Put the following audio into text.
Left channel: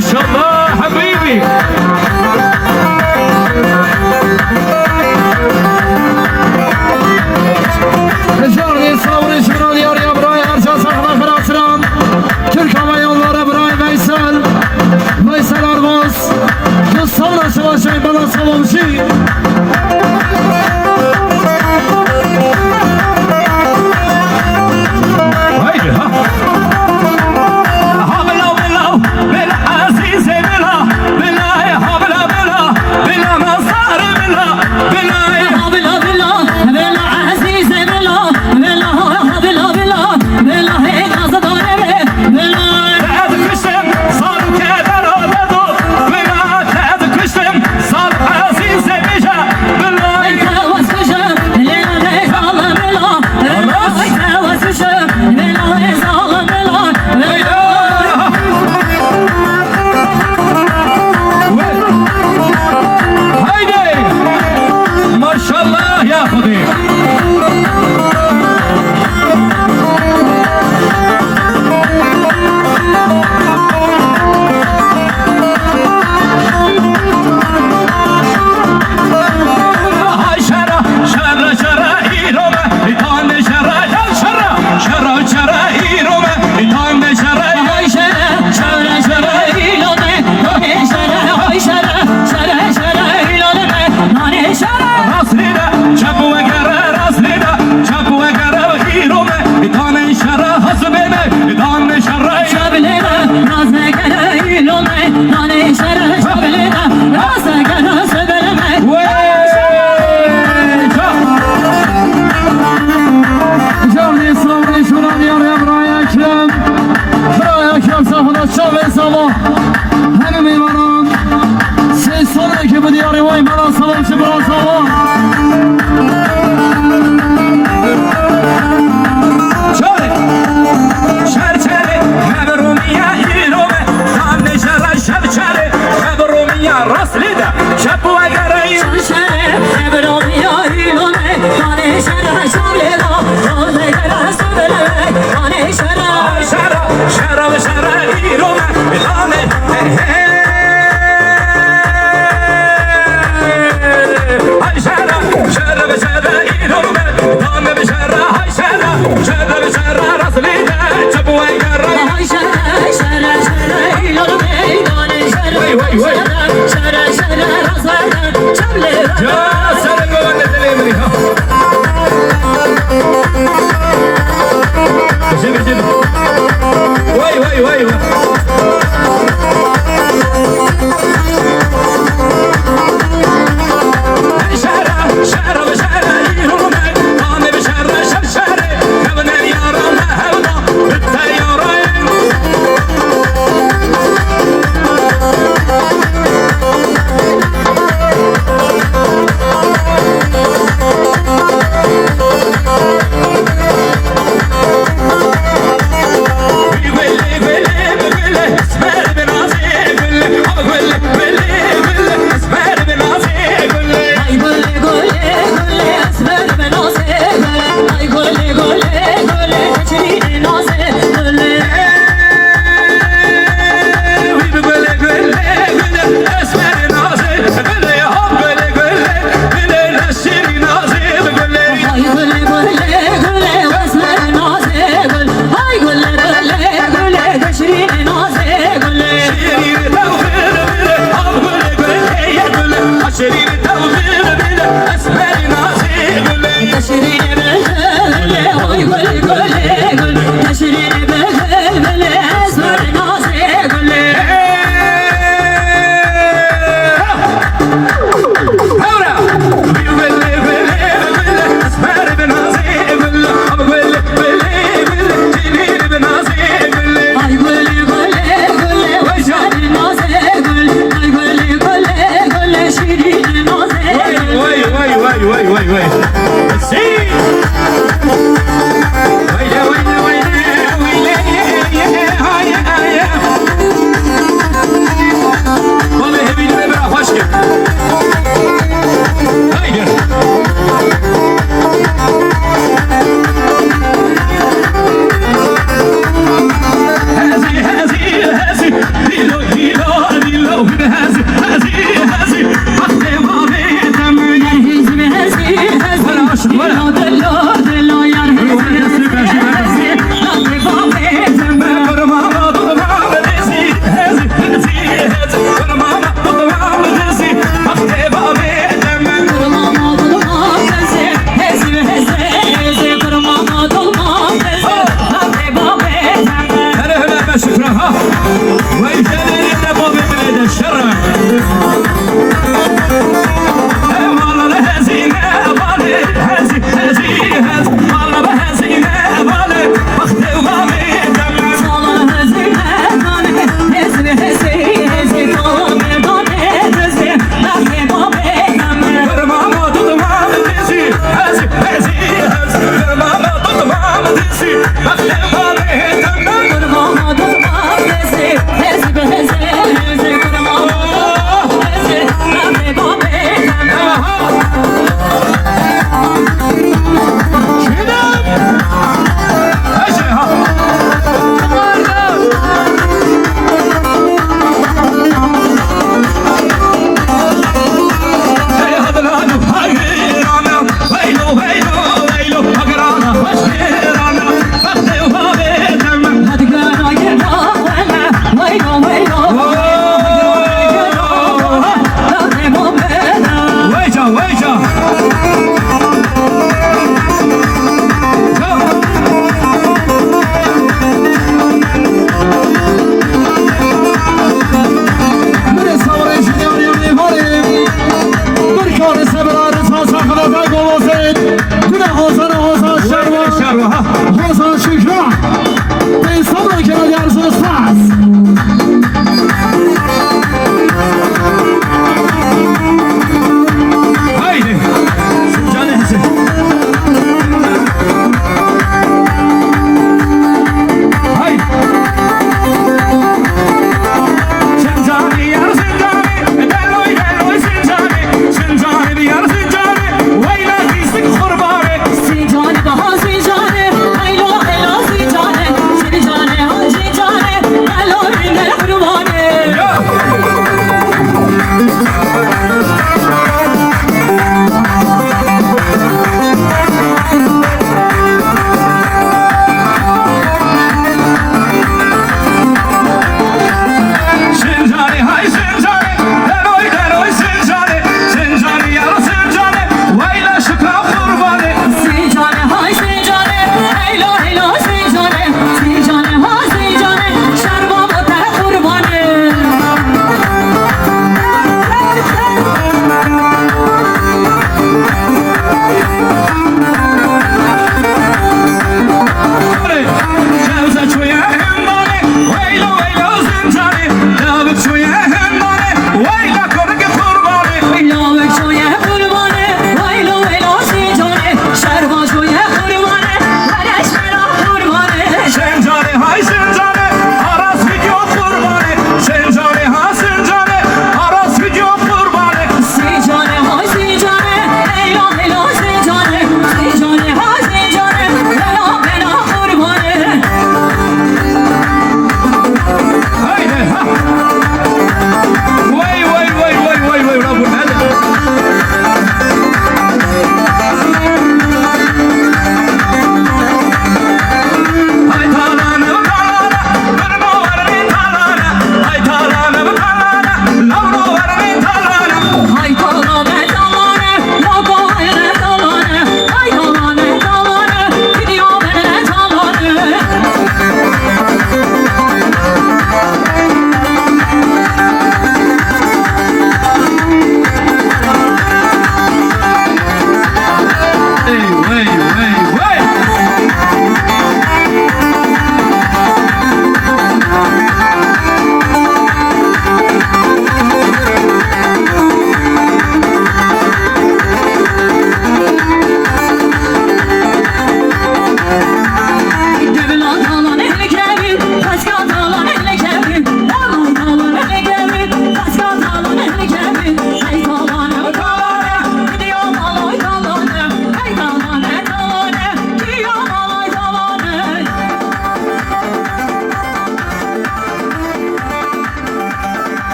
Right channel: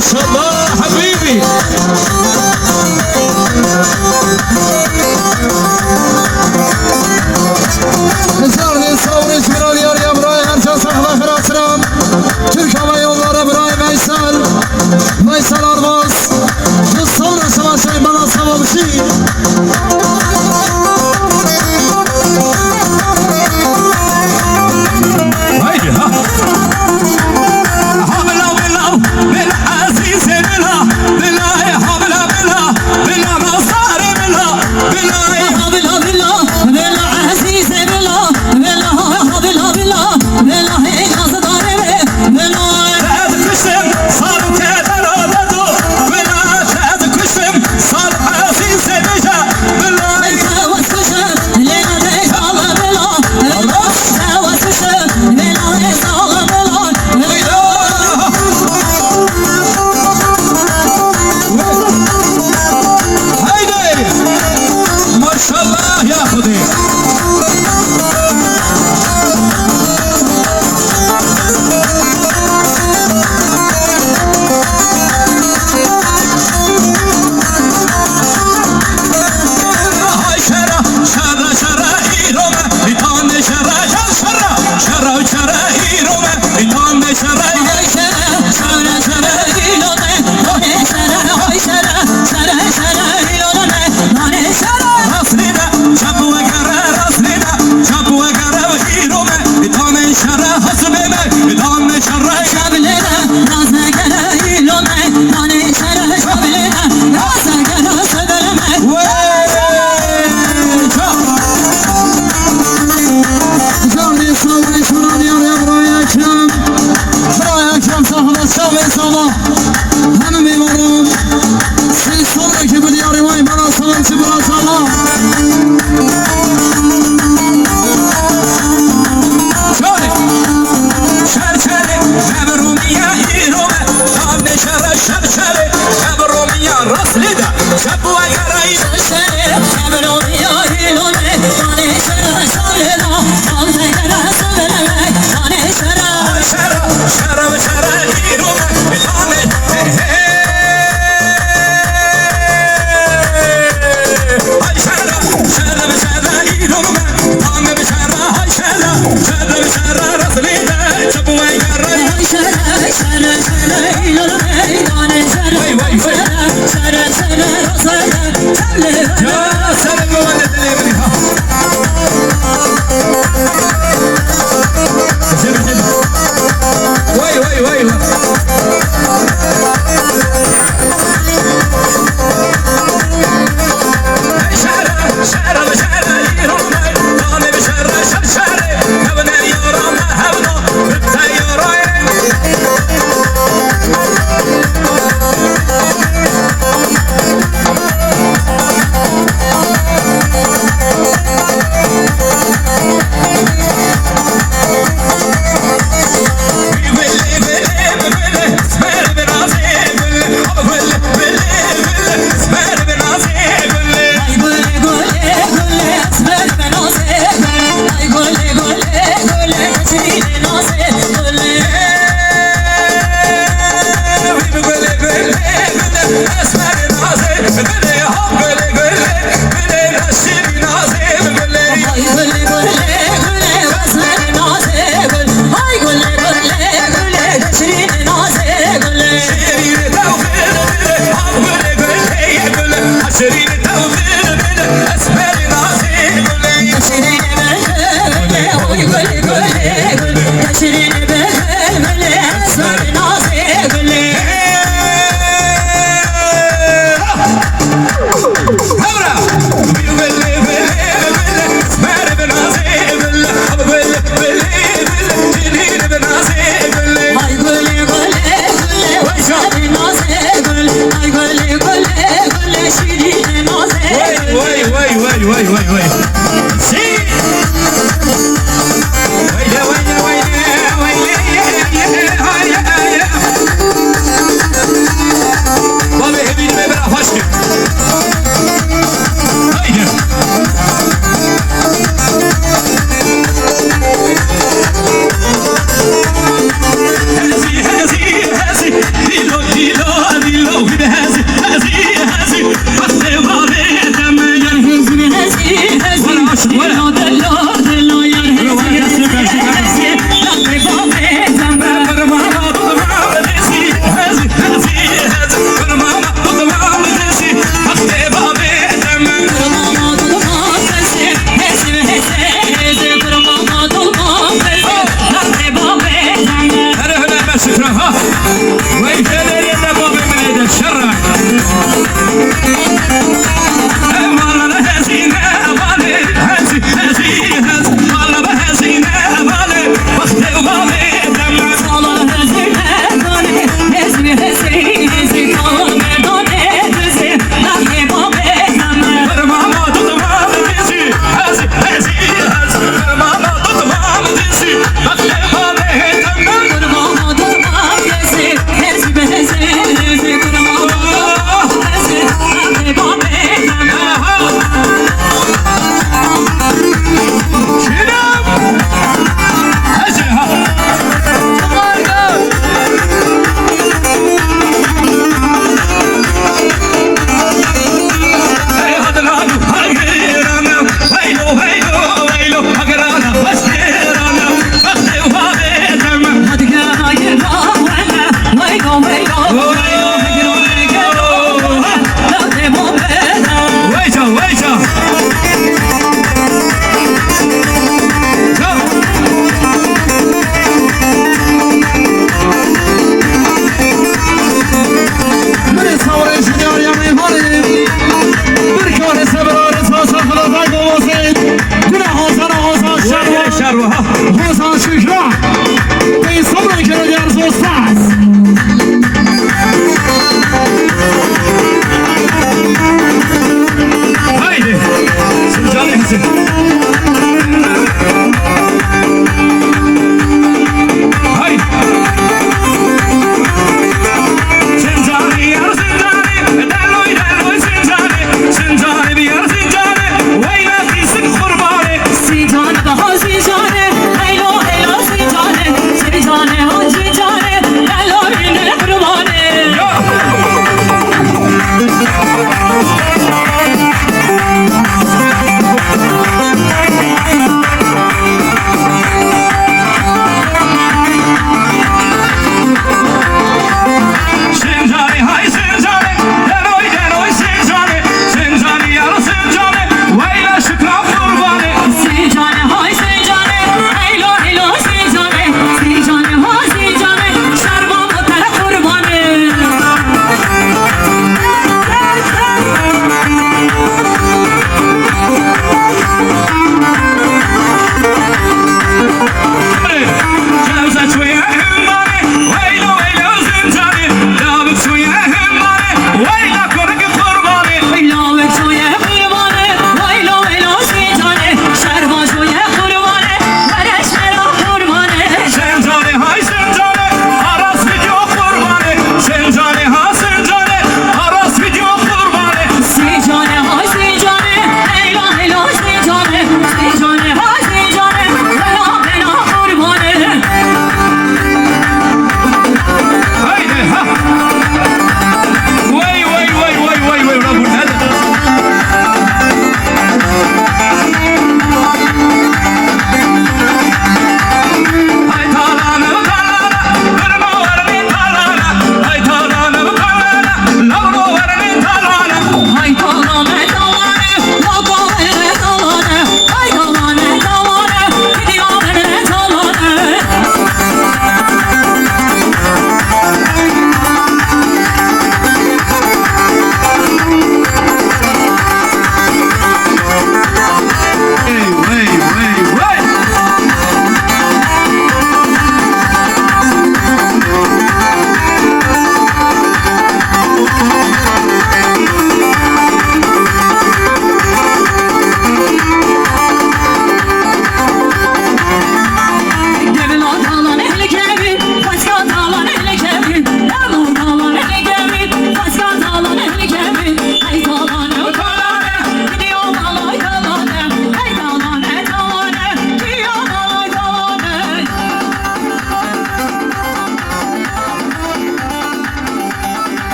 شاء الله حبيبي. Zörni savri şural yar yabraya arca safla kıratsıram. Türk Hava Yolları Bray Veysel. Veysel Arvaz. Bu savra savaşay bana savamşı. Haydi ha. Habla bela bela azize bela bela habla bela bela mazar bela bela بلا بلا بلا عزيز بلا بلا بلا بلا بلا هيك صدر بلا خد كشم صار كدر بدو بلا خد كشم صار عزيز بجا بلا وسوشة لينا رجال بلا بلا وسوشة لينا رجال بلا بلا هيدي ما شاء الله يا خدي. هاي شرا شرا شرا إيروما بيتان شرا شرا شرا شرا إيروما بيتان شرا هاي شرا شرا شرا إيلوني هاي شرا هاي شرا شرا شرا إيلوني هاي شرا راسلينا شابوا كرا راسلينا شابوا كرا إيروما بيتان شرا حسبنا بيتان شرا شابلنا نازنا كرا إيلوني هاي شرا شابلنا نازنا كرا صدرنا Zörni savri şural yar yabraya ekrem. Buraya ekrem safla savri sabah. Hanım imanım. Siz son ekibi diyarı vay bana savamşı bana sabah. شرشري مبرومية إيروما بيتان شرا شرشري مبرومية راسلينا شابوا كرا شرا بلوني إيلوني هاي شرا شابلنا نازنا كرا صدرنا هاي شرا شرا شرا شرا إيروما بيتان هاي شرا شرا شرا إيروما بيتان بشرا هاي شرا شرا شرا راسلينا شابوا كرا هاي شرا شرا شرا إيلوني هاي شرا وي وي وي شرا شرا راسنا شابلنا يا سلام عليك جيب جيب وي وي وي